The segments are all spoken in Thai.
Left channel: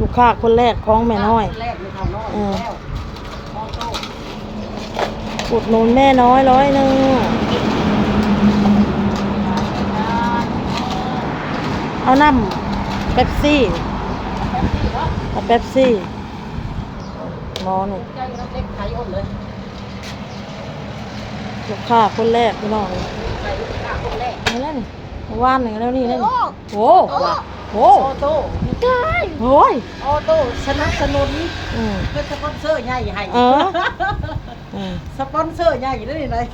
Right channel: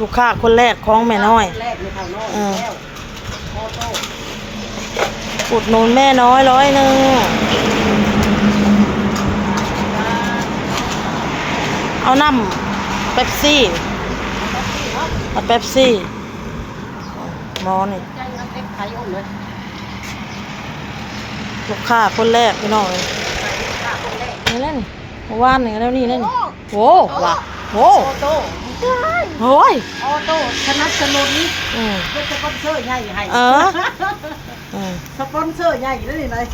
ลูกค้าคนแรกของแม่น้อยอุดหนุนแม่น้อย100เอาน้ำเป๊ปซี่เอาเป๊ปซี่หมอนี่ลูกค้าคนแรกพี่น้องเลยนี่เล่นว่านนี่แล้วนี่เล่นโว้ว่ะโว้โอ้ยโอ้โตสนับสนุนเพื่อสปอนเซอร์ใหญ่ให้สปอนเซอร์ใหญ่ได้เลย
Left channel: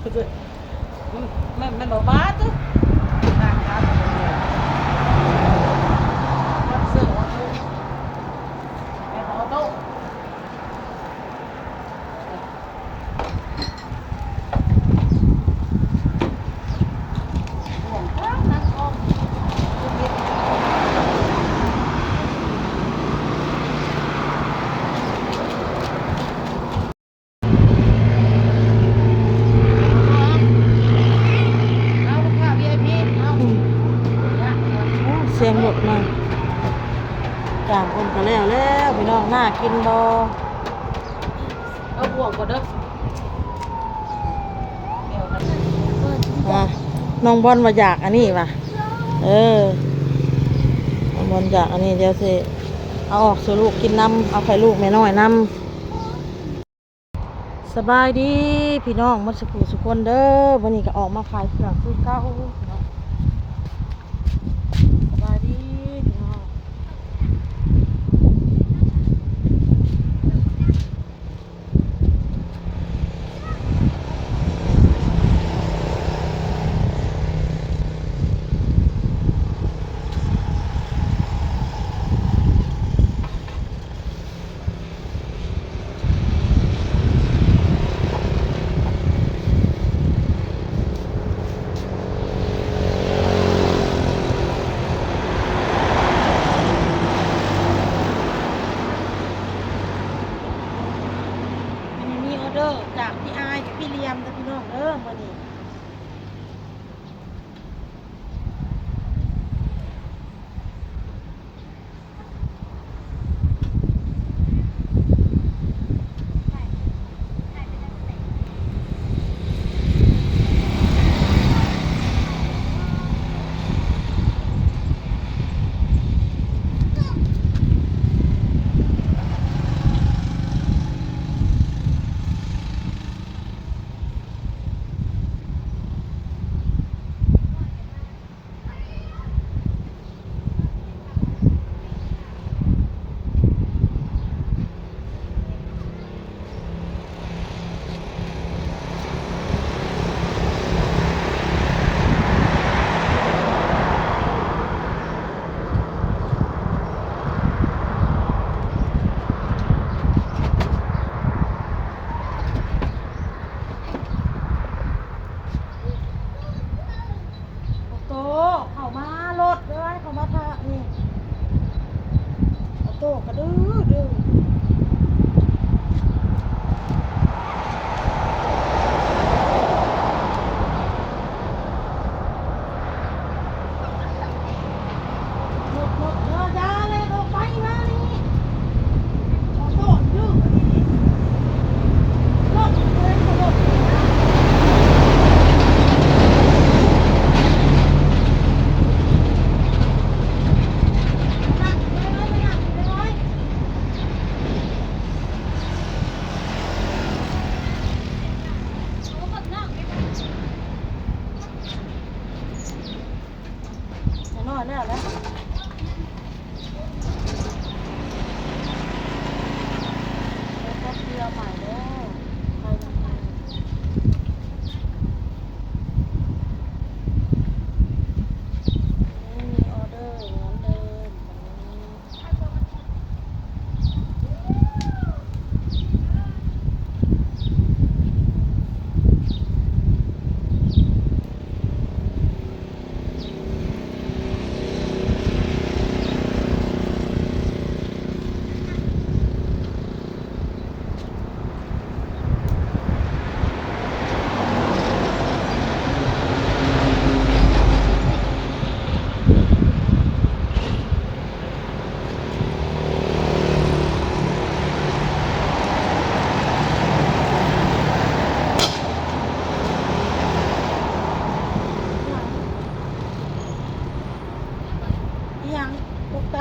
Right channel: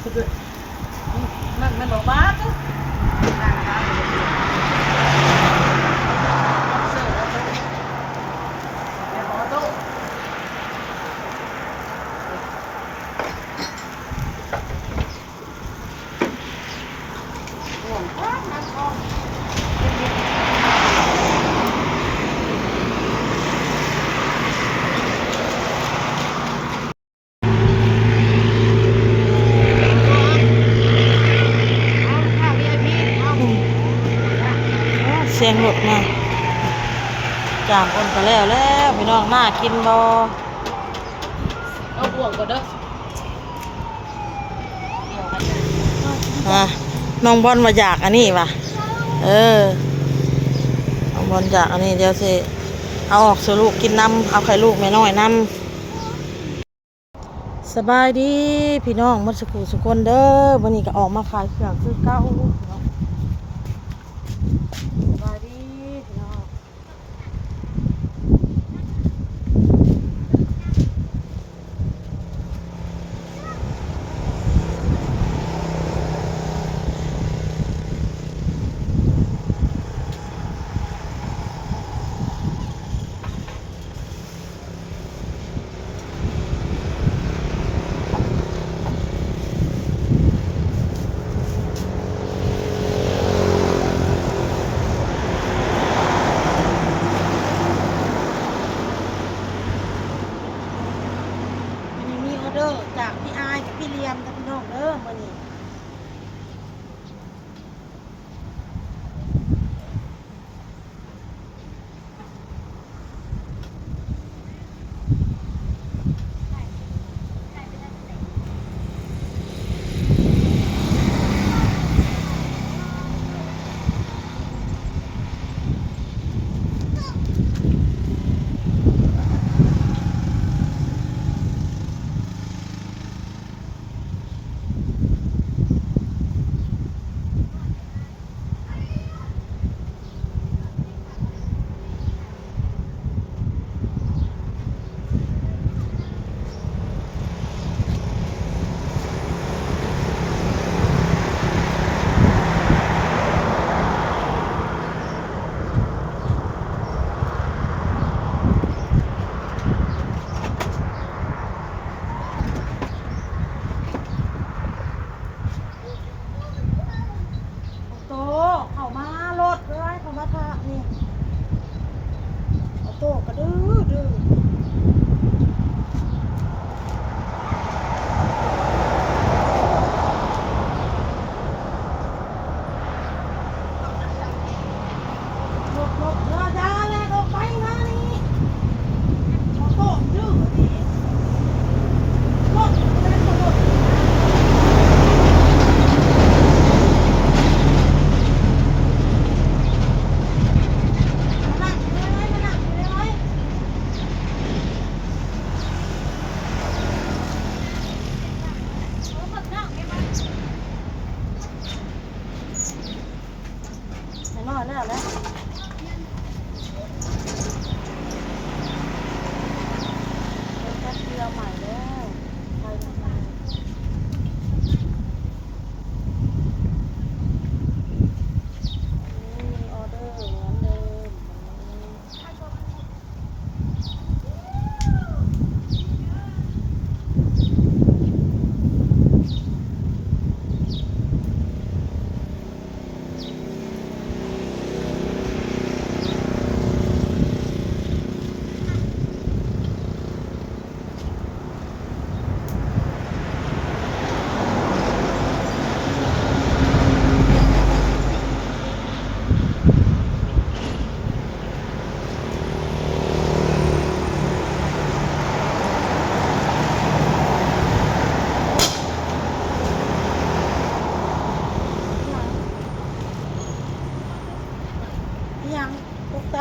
นั่นมันดอกบ้าตุ๊กเสียงหลุดมาจามคนไปแล้วพี่น้องน่ากินบ่เอาบ่วงก่อนเด้อน้องบอลมาอยากอันนี้ป่ะน้องบอลอยากอันนี้เดี๋ยวสิเอาออกสู่ลูกกินน้ำเอาไข่ลูกแม่น้อยน้ำสบายดีพี่น้องมัสกูสุคนเด้อวันนี้ก็ออกมาขายเครื่องซื้อเก้าสบายดีพี่น้องจากพี่อายกับพี่เลียมนะพี่น้องมื้อนี้เข้ามารถเลยเข้ามาทะนี่เอาโต้กระดื้อ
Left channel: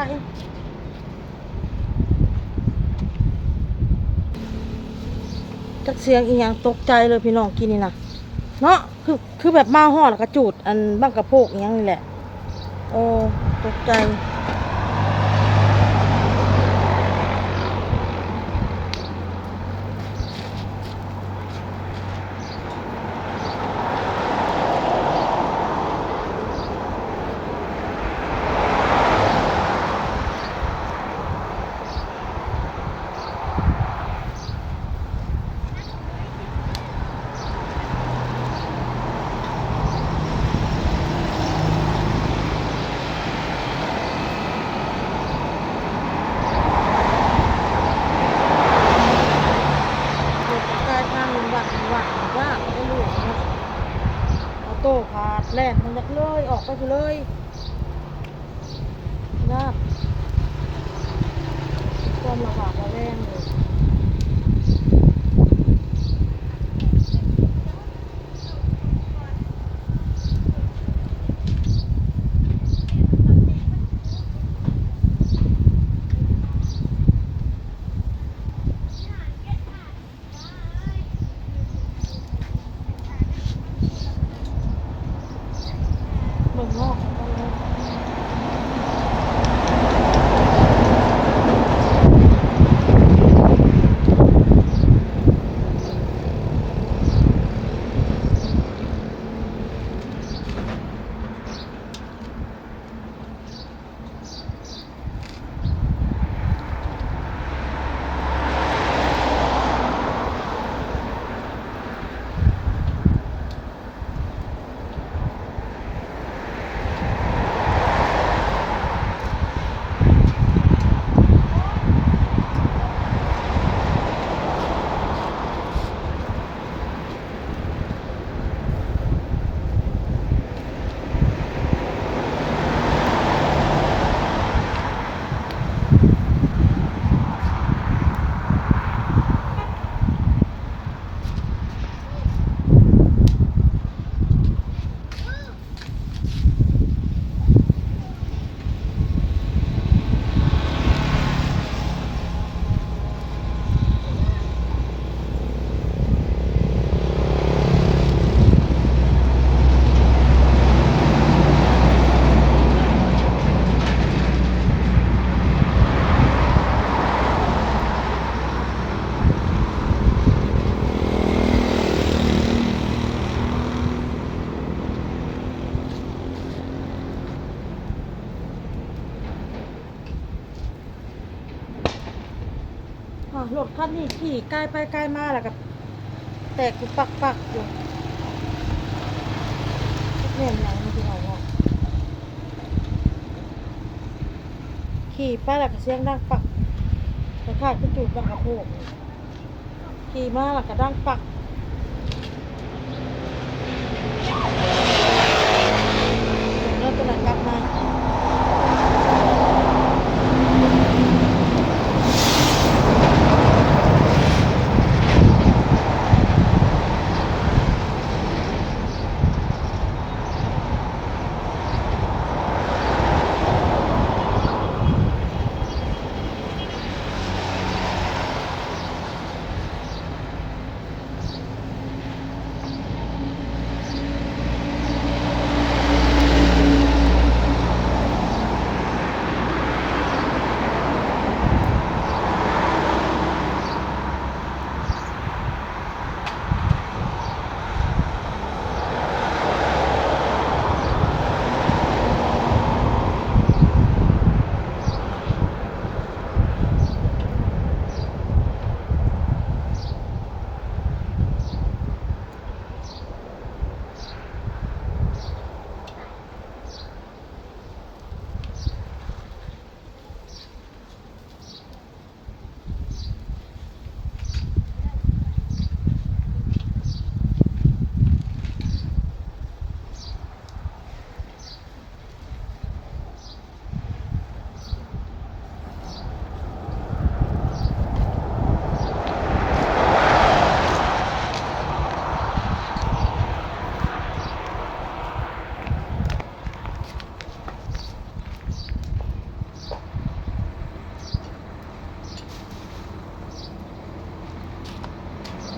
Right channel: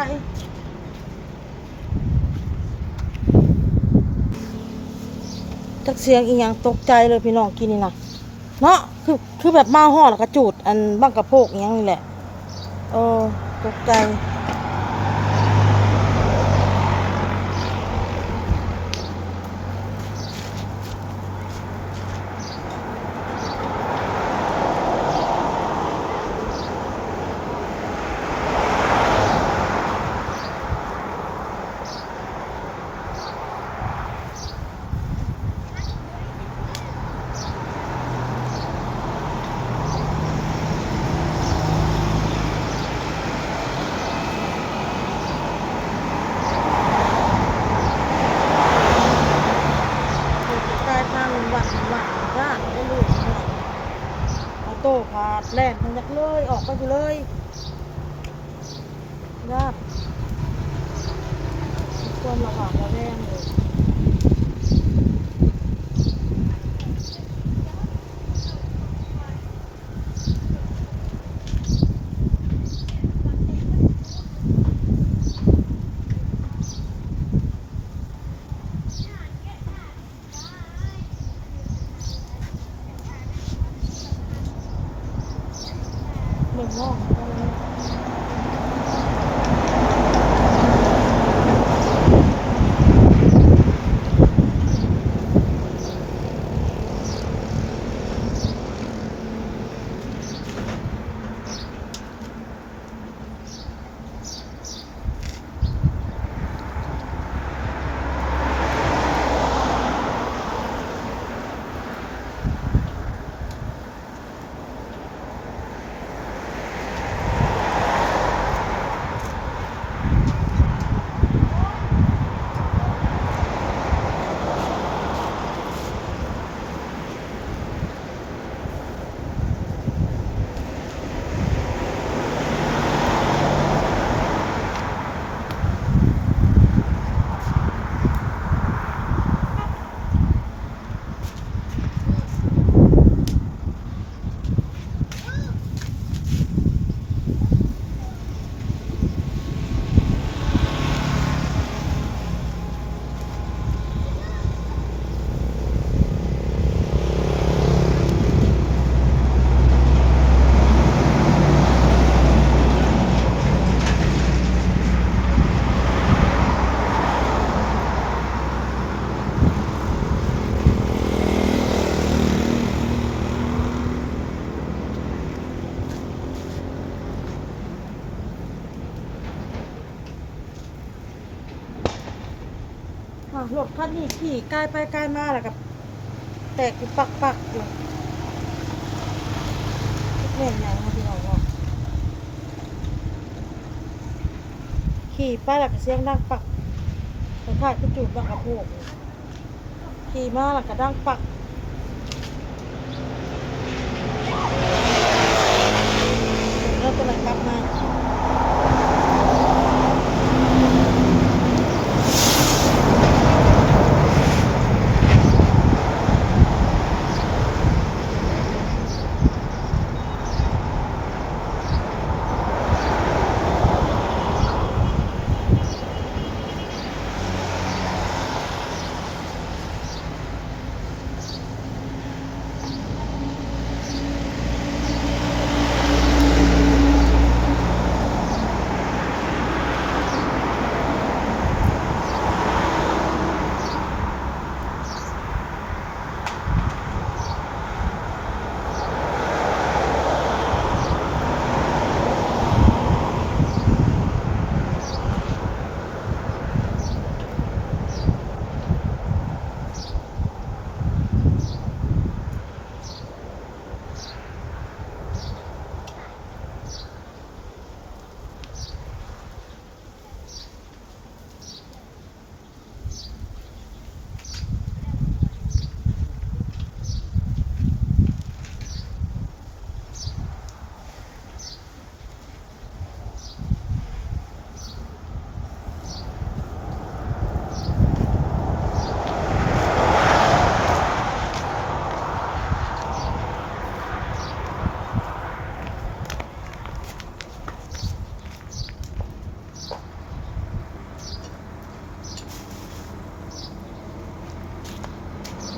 จักเสียงอีหยังตกใจเลยพี่น้องกินนี่นะเนาะคือแบบมาห่อแล้วก็จูดอันบังกะโพกอีหยังนี่แหละตกใจทางวัดญาติได้ลูกหน่อยเอาโต้พาดแล่นมันยักเลยออกไปอยู่เลยญาติความระบาดระแวงเลยเมืองนอกก็เลยรถคันนี้ขี่ใกล้ไปใกล้มาแล้วกับแตกอยู่ปักอยู่แม่นยังมาที่เราเนาะขี่ไปแล้วก็เสียงดังปักคล้ายๆก็จุดบังกะโพกขี่มาแล้วก็ดังปักแล้วตัวไหนกลับมา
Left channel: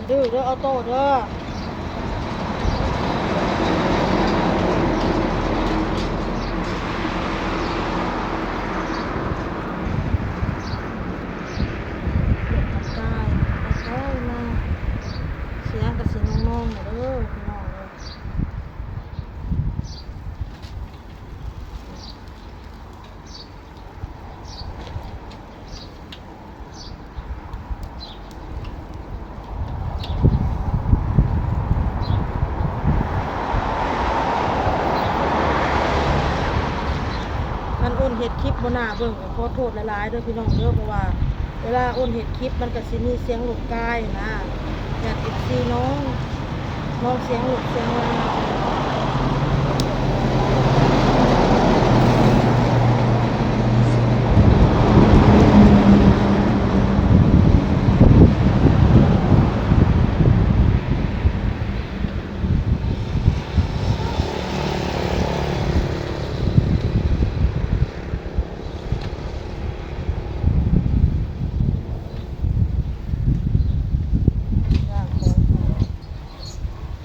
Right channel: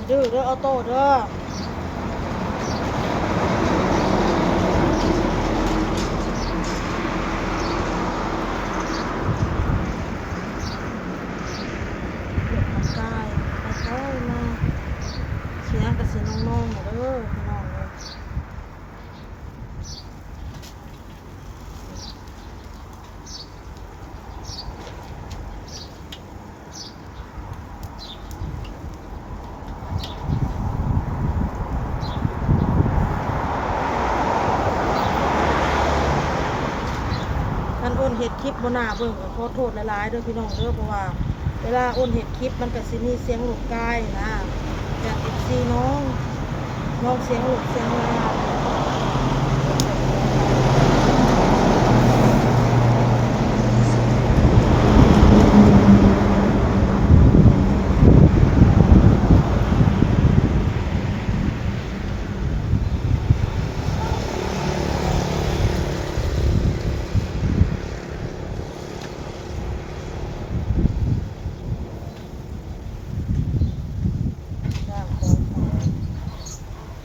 ดื้อเด้อออโต้เด้อทำกายไปมาเสียงกระสีน้องๆเด้อพี่น้องเลยคันอ้นเห็ดคลิปบนหน้าเบิ่งก็ขอโทษหลายๆเด้อพี่น้องเด้อเพราะว่าเวลาอ้นเห็ดคลิปมันก็สิมีเสียงหลุดกายนะอยากเอฟซีน้องเสียงหลุดเสียงลา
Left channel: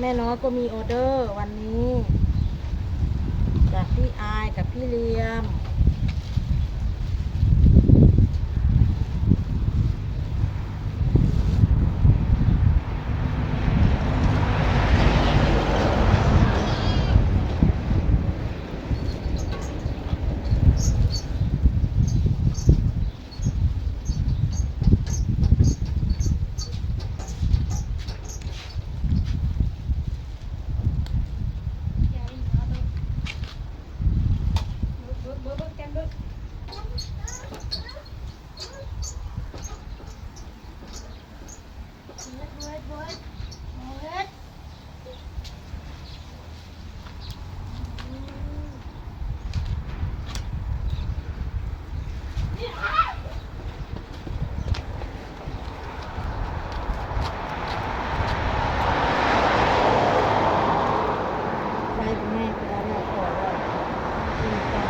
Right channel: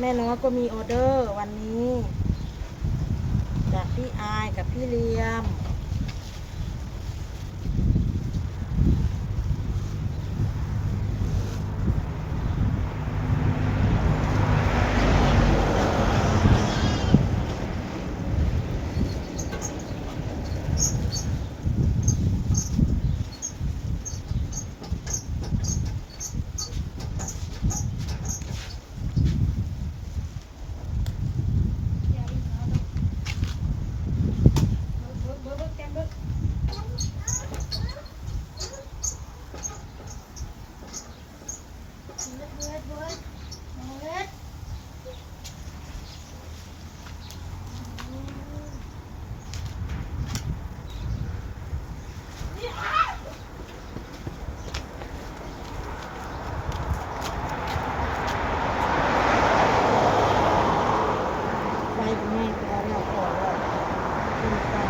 แม่น้อยก็มีออเดอร์วันนี้จากพี่อายกับพี่เลียมไปกับแม่ไปแล้วเราขอแล้วกินปลา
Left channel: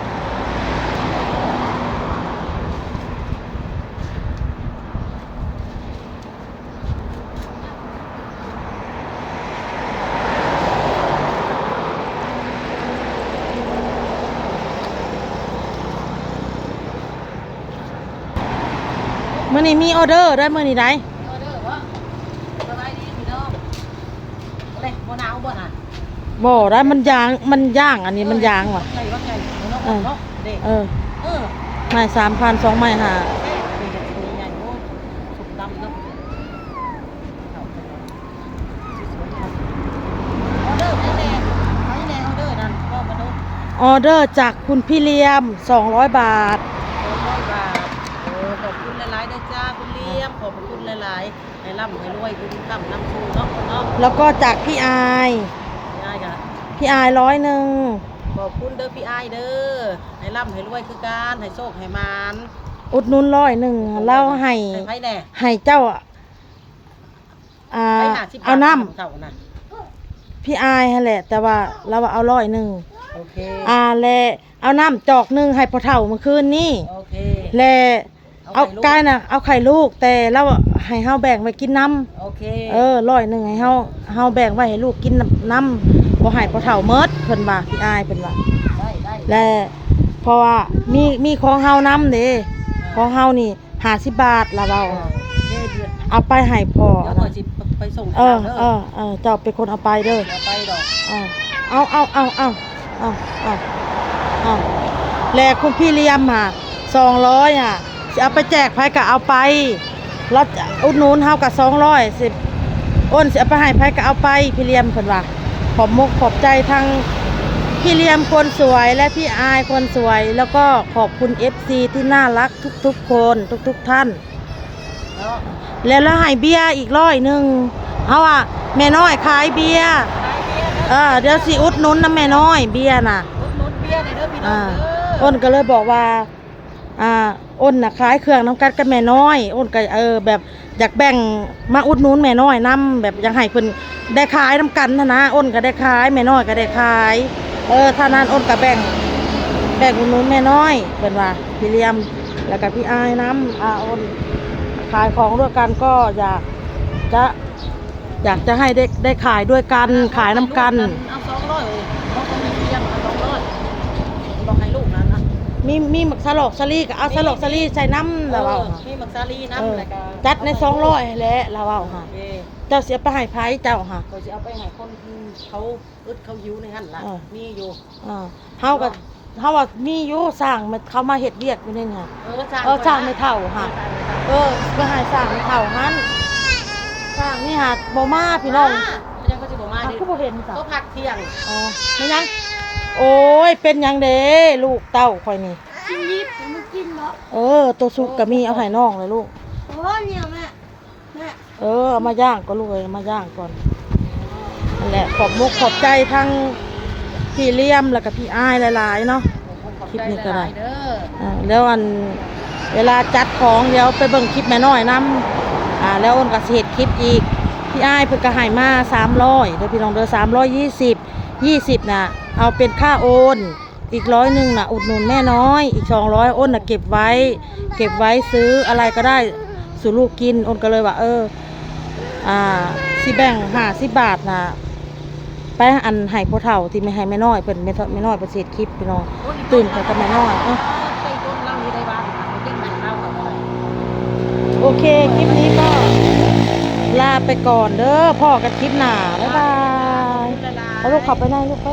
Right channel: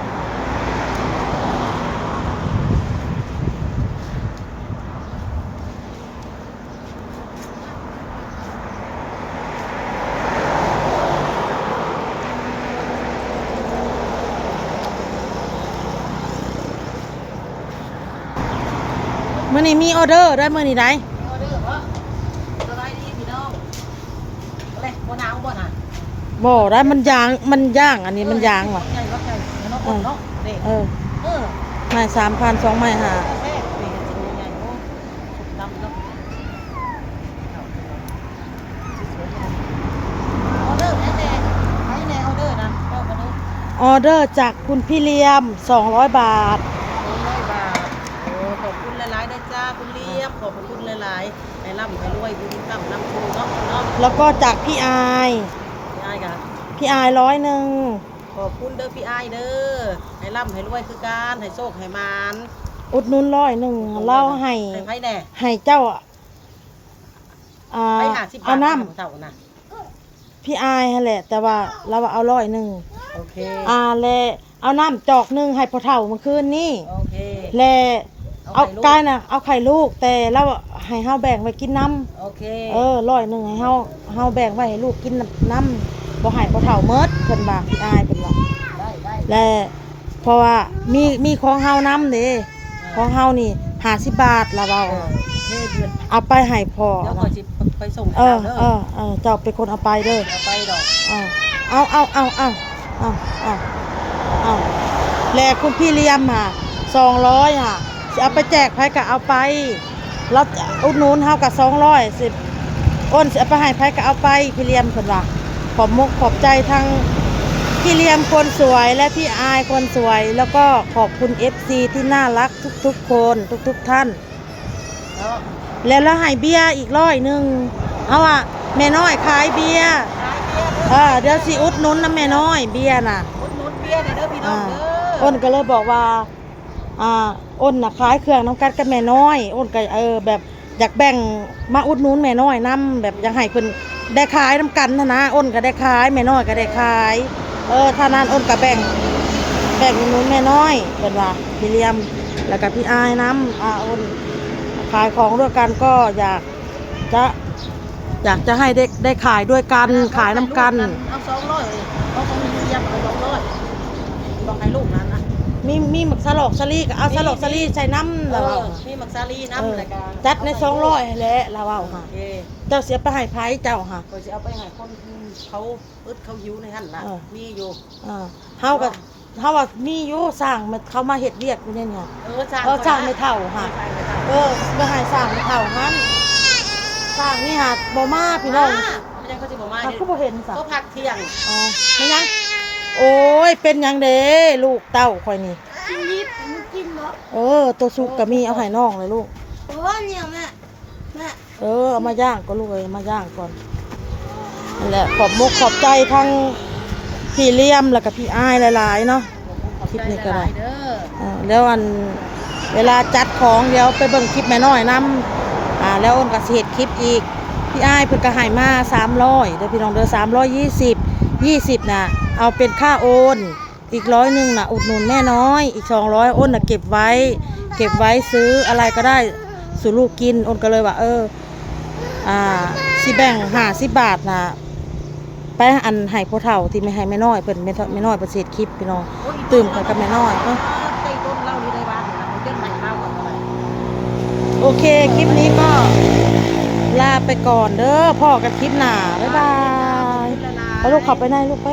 มื่อนี้มีออเดอร์ได้มื่อนี้ได้ ออเดอร์บ่สบายดีพี่น้องเลยบ่หนาวบ่น่ะ บ่ได้มันย่างอันนี้มันย่างว่ะ ใหญ่ว่าไก่เนาะเนาะเด็ก เออ เออ ไม้3,000 2ไม้5แซ่นี่ก็ชิ้นใหญ่โอ้สุกดำเนาะเอาไปหน่อยสวยๆเลยออเดอร์แน่ๆไปแน่ออเดอร์นั่นก็มาดู ออเดอร์จากคุณพี่เลียม200 บาท 200 บาทขอบคุณหลายๆนะจ้าคุณเลี้ยมขอบคุณหลายๆให้ร่ำให้รวยคุณคำนำชูเนาะคนเนาะ แล้วก็จากพี่อาย พี่อ้ายกัน พี่อาย100ขอบคุณเด้อพี่อ้ายเด้อให้ร่ำให้รวยคือการให้โชคให้มาน อุดหนุน100เล่าให้ ไผแน่ ให้เจ้าไผ50 บาท เอาน้ เท่านะ ำพี่อายหั่นแหละ แต่ว่าเราเอา100 โอเค และเอาน้ำจอก1ให้พ่อเฒ่าเมื่อคืนนี้ โอเค และเอา ไข่ลูก กายน่ะเอาไข่ลูกแต่เราให้เฮาแบ่งไว้กินน้ โอเค ำ100ให้เฮาแบ่งไว้ให้ลูกกินน้ำบ่ให้พ่อเฒ่าเมิดเพิ่นว่าพี่อายเพิ่นว่า ได้ และเพราะว่ามีของเฮาน้ำเด้ของเฮานี่50 บาทละเว้า โอเคเดือน เอาไปให้พ่อ เดี๋ยว นะ ก่อนสิไปส่งให้ เออ เด้ เจ้าเป็นคนเอาไปเด้อ เอาไปดอก เอาแลคุณพี่เลี้ยมค่ะ200อ่ะจะเอาไปแจกไผก็เอาไปเราอุดหนุนเฮากับ200สิอ้นสิเอาไปให้ไผก็เอาไปพี่เลี้ยมเพิ่นว่าขอบมกขอบใจทั้งพี่เลี้ยมคนสวยและพี่อายคนสวย แล้วก็ขอบคุณ FC ที่น่ารักทุกๆคนทุกท่าน เนาะ แล้วเราให้เบียร์อีก100เอาอ่ะแม่น้อยขายเบียร์ ขายเบียร์เด้อ เดี๋ยวสิอุดหนุนนะแม่น้อยเบียร์น่ะ อุดหนุนเบียร์เด้อพี่น้องเด้อ อ้นก็เลยบอกว่าอ้นน่ะขายเครื่องน้ำกัดกับแม่น้อยอ้นก็แบบอยากแบ่งมาอุดหนุนแม่น้อยนํแบบอยากให้เพิ่นได้ขายน้ำกันนะอ้นก็ได้ขายแม่น้อยก็ได้ขายถ้านั้นอ้นก็แบ่งอุดหนุนแม่น้อยเพิ่นว่าพี่เลี้ยมแล้วก็พี่อายอ้นขายของด้วยกันก็อยากจะ อยากจะให้ได้ขายด้วยกันขายน้ำกัน เอา200เลยเพราะของมีเรียมเอา200บอกให้ลูกนั้นนะ มีหมึกสลอกสลีก็เอาสลอกสลีใส่น้ำแล้วเอา มีมักซาลีน้ำอะไรกัน จัดใน200แหละเราเอาค่ะ โอเค เจ้าเสียไปให้ไผเจ้าค่ะ ก็จะเอาไปให้คนเขาอึดเขาหิวในหั่นล่ะมีอยู่ เฮาว่ามีอยู่สร้างมันเขามาเฮ็ดเวียกอยู่นี่ค่ะ สร้างไม่เท่าค่ะ เพื่อให้สร้างไม่เท่าหันสร้างนี่หาบ่มาพี่น้อง ยังก็จะบอกมา คือบ่เห็นซะ เขาพักเที่ยง อ๋อไม่ยังโอ้ยเป็นหยังเด้ลูกเต้าข่อยนี่ กินยิบมันกินเหรอ ตัวสุกก็มีเอาให้น้องเลยลูก โอ้เนี่ยแม่ เอามาย่างก็ลูกเอ้ยเอามาย่างก่อนนั่นแหละขอบมกขอบใจทั้งพี่เลี้ยมแล้วก็พี่อ้ายหลายๆเนาะ คลิปนี้ก็ได้ แล้วเวลาจัดของเดี๋ยวไปเบิ่งคลิปแม่น้อยนำแล้วอ้นก็สิเฮ็ดคลิปอีกพี่อ้ายเพิ่นก็ให้มา300เด้อพี่น้องเด้อ320น่ะเอาเป็นค่าโอนอีก100น่ะอุดหนุนแม่น้อยอีก200อ้นน่ะเก็บไว้ซื้ออะไรก็ได้สู่ลูกกินอ้นก็เลยว่าสิแบ่ง50 บาทน่ะไปอันให้พ่อเฒ่าที่ไม่ให้แม่น้อยเพิ่นแม่น้อยเพิ่นสิเฮ็ดคลิปพี่น้องตื่มกันกับแม่น้อยใจต้นเล่านี่ได้บ้านนะเขาจะให้เล่าก่อนอะไร โอเค คลิปนี้ก็ลาไปก่อนเด้อพ่อกันคลิปหน้า บ๊ายบาย คุณละลา เอาลูกขับไปไหนลูกไป